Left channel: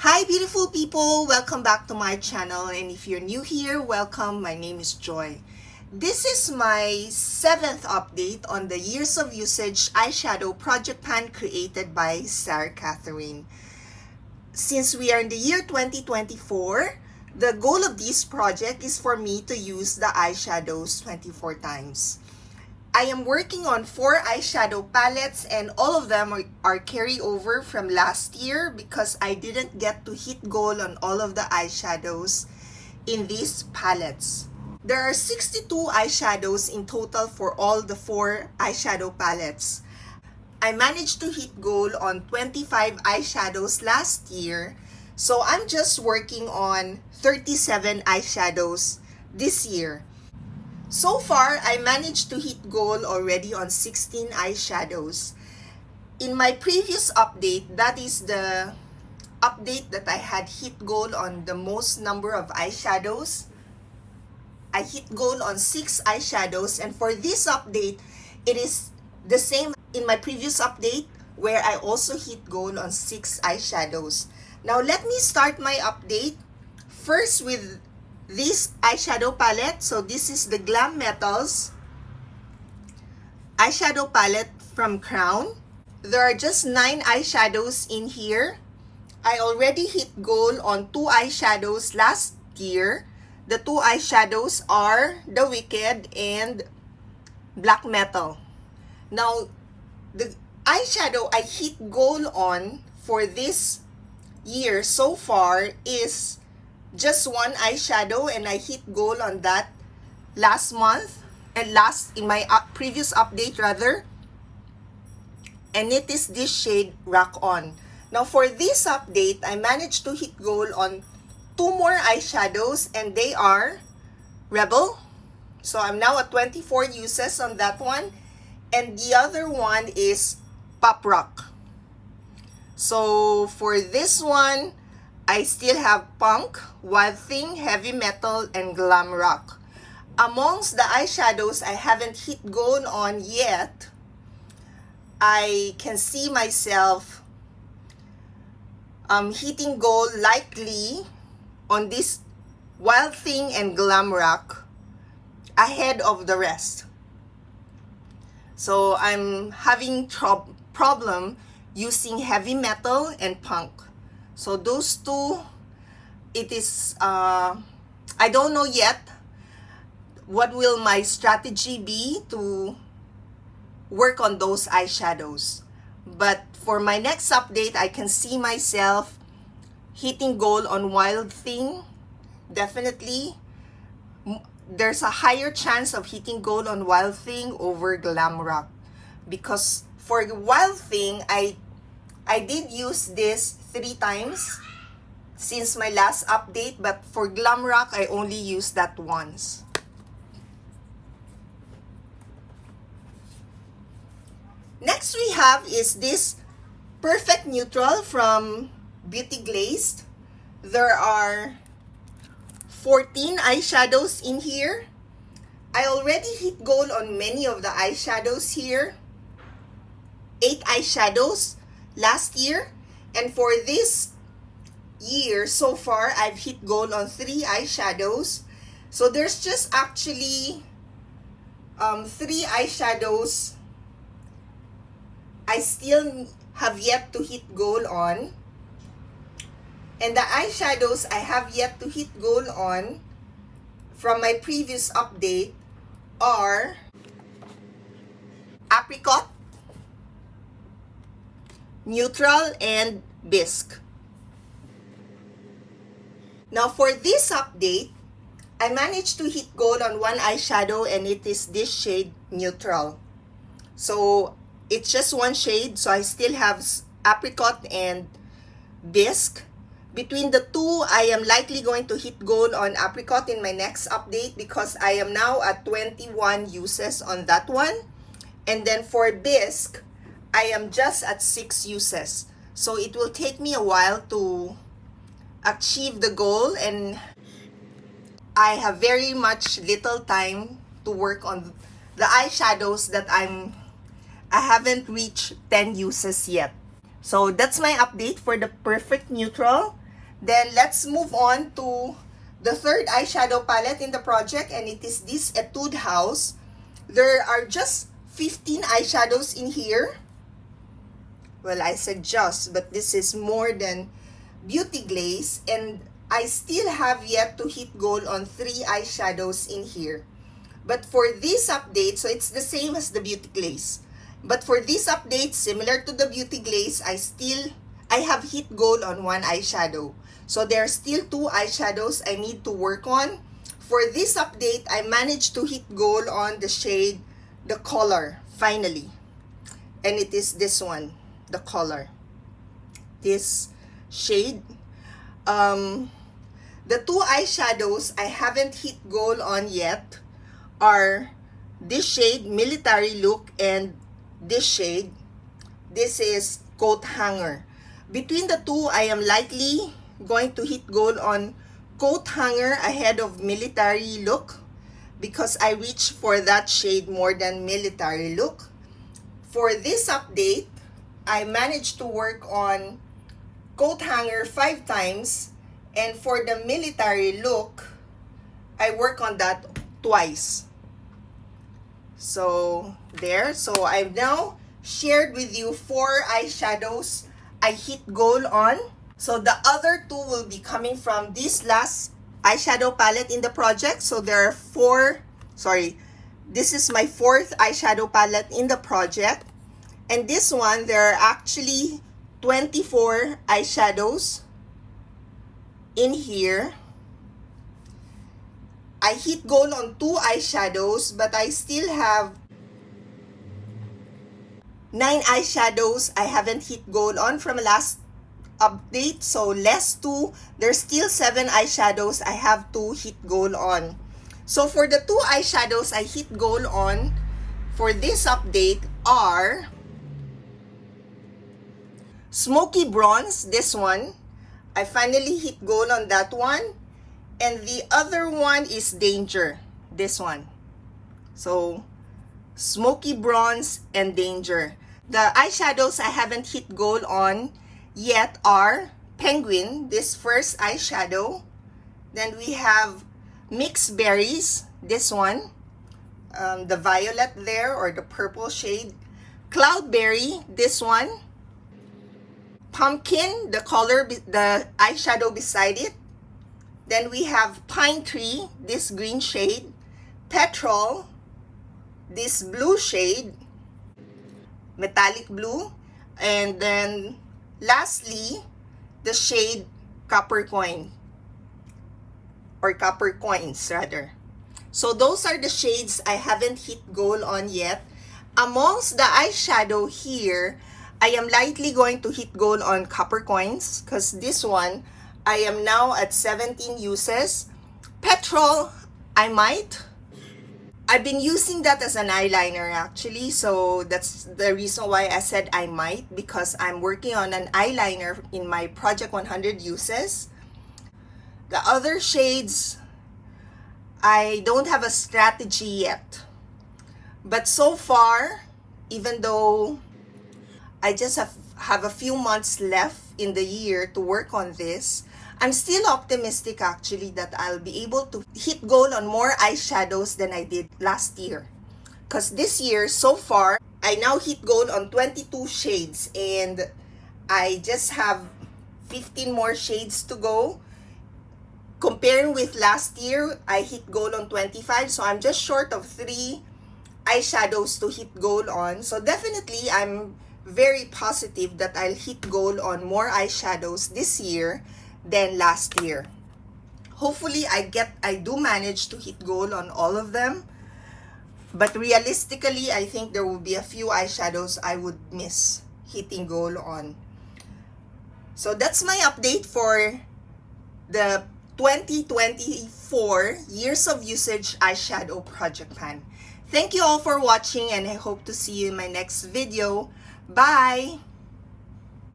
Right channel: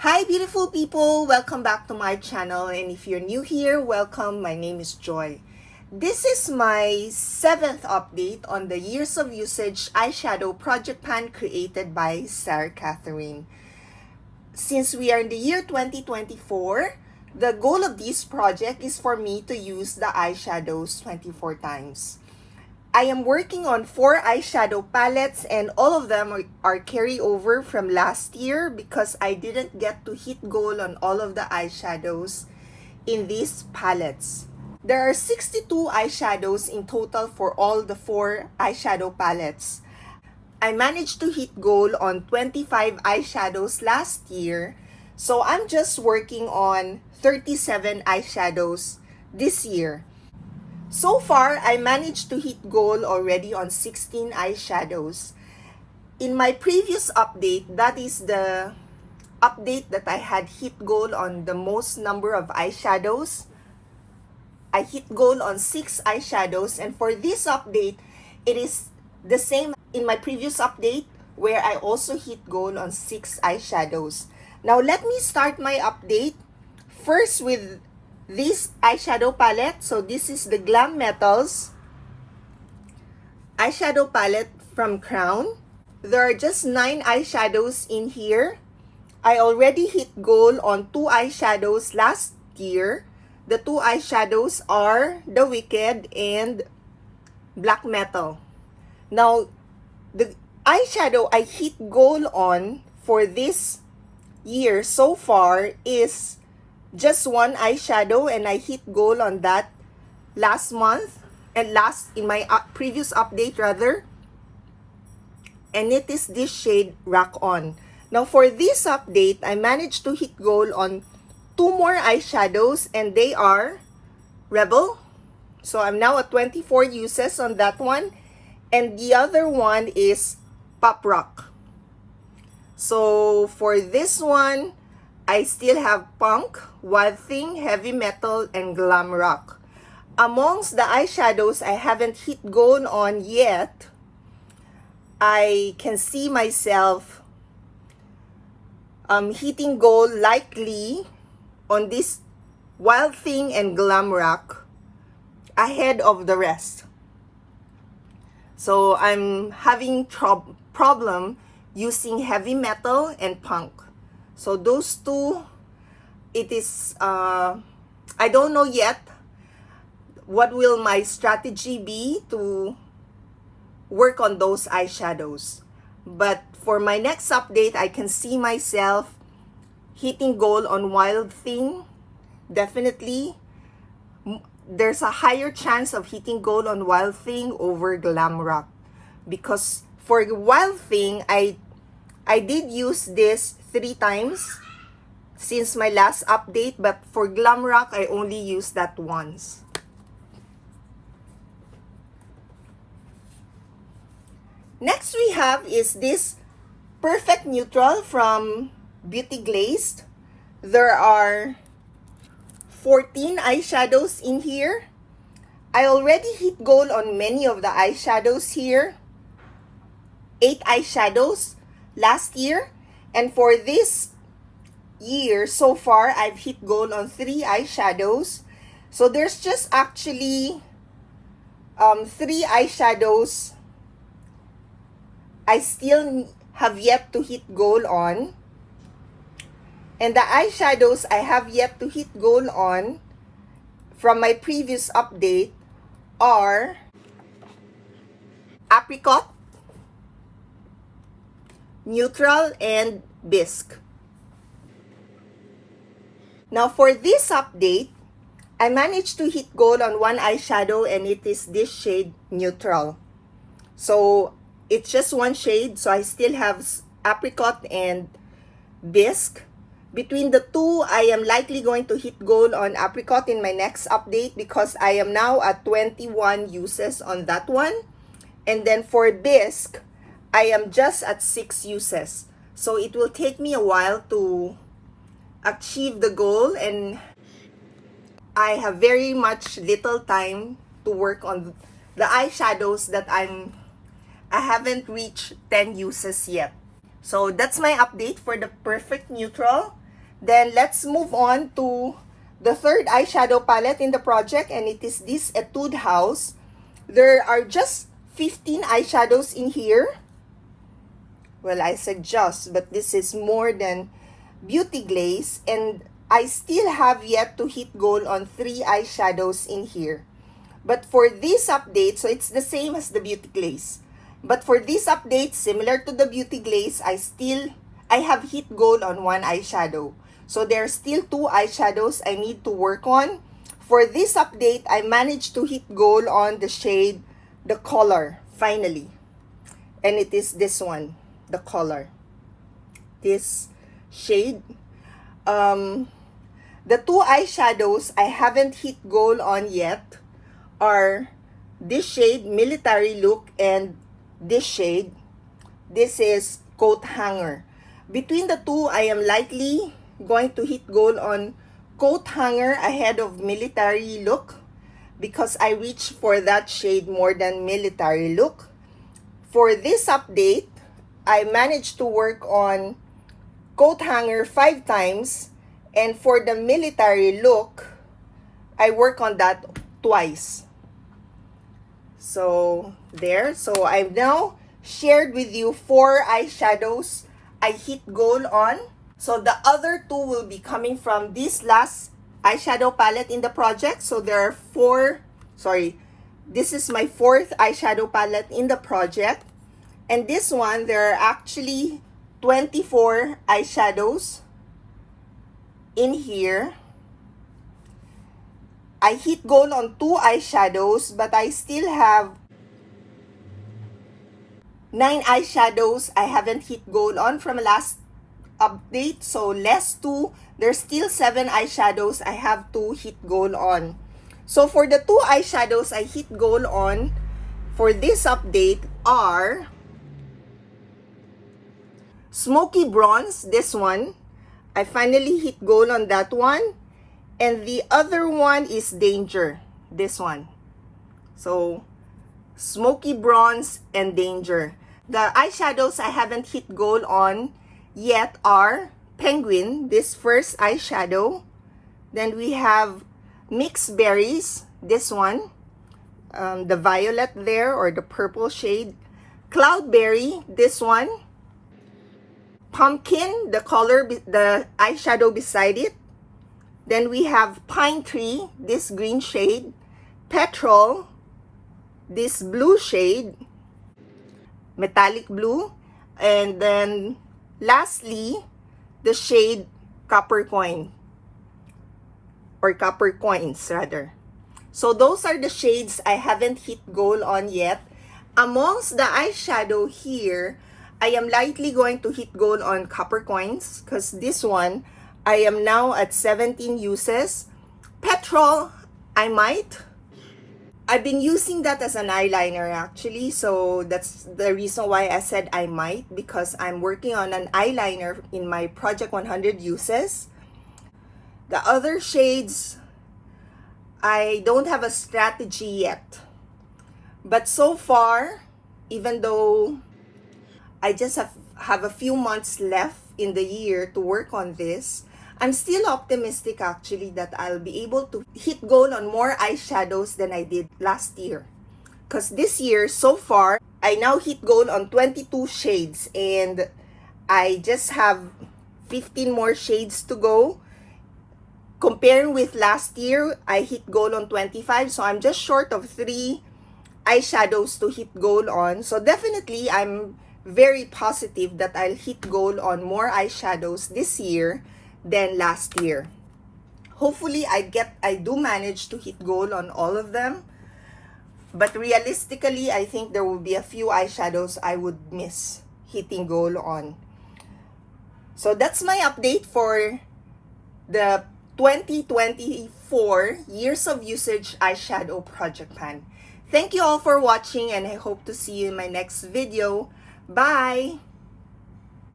Hi beautiful people, welcome back to my channel, and if you're new here, welcome. My name is Joy. This is my 7th update on the Years of Usage eyeshadow project pan created by Sarah Catherine. Since we are in the year 2024, the goal of this project is for me to use the eyeshadows 24 times. I am working on 4 eyeshadow palettes, and all of them are carryover from last year because I didn't get to hit goal on all of the eyeshadows in these palettes. There are 62 eyeshadows in total for all the 4 eyeshadow palettes. I managed to hit goal on 25 eyeshadows last year, so I'm just working on 37 eyeshadows this year. So far, I managed to hit goal already on 16 eyeshadows. In my previous update, that is the update that I had hit goal on the most number of eyeshadows. I hit goal on 6 eyeshadows, and for this update, it is the same in my previous update where I also hit goal on 6 eyeshadows. Now let me start my update first with this eyeshadow palette. So this is the Glam Metals eyeshadow palette from Crown. There are just 9 eyeshadows in here. I already hit goal on 2 eyeshadows last year. The 2 eyeshadows are the Wicked and Black Metal. Now, the eyeshadow I hit goal on for this year so far is just 1 eyeshadow, and I hit goal on that last month and in my previous update rather, and it is this shade Rock On. Now for this update, I managed to hit goal on 2 more eyeshadows, and they are Rebel. So I'm now at 24 uses on that one, and the other one is Pop Rock. So for this one, I still have Punk, Wild Thing, Heavy Metal, and Glam Rock. Amongst the eyeshadows I haven't hit goal on yet, I can see myself hitting goal likely on this Wild Thing and Glam Rock ahead of the rest. So I'm having problem using Heavy Metal and Punk. So those two, it is, I don't know yet what will my strategy be to work on those eyeshadows. But for my next update, I can see myself hitting goal on Wild Thing. Definitely, there's a higher chance of hitting goal on Wild Thing over Glam Rock. Because for Wild Thing, I did use this 3 times since my last update, but for Glam Rock, I only used that once. Next we have is this Perfect Neutral from Beauty Glazed. There are 14 eyeshadows in here. I already hit goal on many of the eyeshadows here. 8 eyeshadows last year, and for this year so far I've hit goal on 3 eyeshadows. So there's just actually 3 eyeshadows I still have yet to hit goal on, and the eyeshadows I have yet to hit goal on from my previous update are Apricot, Neutral, and Bisque. Now for this update, I managed to hit goal on 1 eyeshadow, and it is this shade Neutral. So it's just 1 shade, so I still have Apricot and Bisque. Between the 2, I am likely going to hit goal on Apricot in my next update because I am now at 21 uses on that one. And then for Bisque, I am just at 6 uses. So it will take me a while to achieve the goal, and I have very much little time to work on the eyeshadows that I haven't reached 10 uses yet. So that's my update for the Perfect Neutral. Then let's move on to the third eyeshadow palette in the project, and it is this AUD House. There are just 15 eyeshadows in here. Well, I said just, but this is more than Beauty Glaze, and I still have yet to hit goal on 3 eyeshadows in here. But for this update, so it's the same as the Beauty Glaze. But for this update, similar to the Beauty Glaze, I have hit goal on 1 eyeshadow. So there are still 2 eyeshadows I need to work on. For this update, I managed to hit goal on the shade, the color, finally. And it is this one, the color. This shade. The 2 eyeshadows I haven't hit goal on yet are this shade, Military Look, and this shade. This is Coat Hanger. Between the 2, I am likely going to hit goal on Coat Hanger ahead of Military Look because I reach for that shade more than Military Look. For this update, I managed to work on Coat Hanger 5 times, and for the Military Look, I work on that twice. So there, so I've now shared with you 4 eyeshadows I hit goal on. So the other 2 will be coming from this last eyeshadow palette in the project. So there are 4, this is my 4th eyeshadow palette in the project. And this one, there are actually 24 eyeshadows in here. I hit goal on 2 eyeshadows, but I still have 9 eyeshadows I haven't hit goal on from last update. So less 2, there's still 7 eyeshadows I have to hit goal on. So for the 2 eyeshadows I hit goal on for this update are Smoky Bronze, this one. I finally hit goal on that one. And the other one is Danger, this one. So Smoky Bronze and Danger. The eyeshadows I haven't hit goal on yet are Penguin, this first eyeshadow. Then we have Mixed Berries, this one. The violet there, or the purple shade. Cloudberry, this one. Pumpkin, the color, the eyeshadow beside it. Then we have Pine Tree, this green shade. Petrol, this blue shade. Metallic blue. And then lastly, the shade Copper Coin. Or Copper Coins, rather. So those are the shades I haven't hit goal on yet. Amongst the eyeshadow here, I am likely going to hit goal on Copper Coins because this one, I am now at 17 uses. Petrol, I might. I've been using that as an eyeliner actually, so that's the reason why I said I might, because I'm working on an eyeliner in my Project 100 uses. The other shades, I don't have a strategy yet. But so far, even though I just have a few months left in the year to work on this, I'm still optimistic actually that I'll be able to hit goal on more eyeshadows than I did last year. Because this year, so far, I now hit goal on 22 shades and I just have 15 more shades to go. Comparing with last year, I hit goal on 25, so I'm just short of 3 eyeshadows to hit goal on. So definitely, I'm very positive that I'll hit goal on more eyeshadows this year than last year. Hopefully, I do manage to hit goal on all of them. But realistically, I think there will be a few eyeshadows I would miss hitting goal on. So that's my update for the 2024 Years of Usage Eyeshadow Project Pan. Thank you all for watching and I hope to see you in my next video. Bye!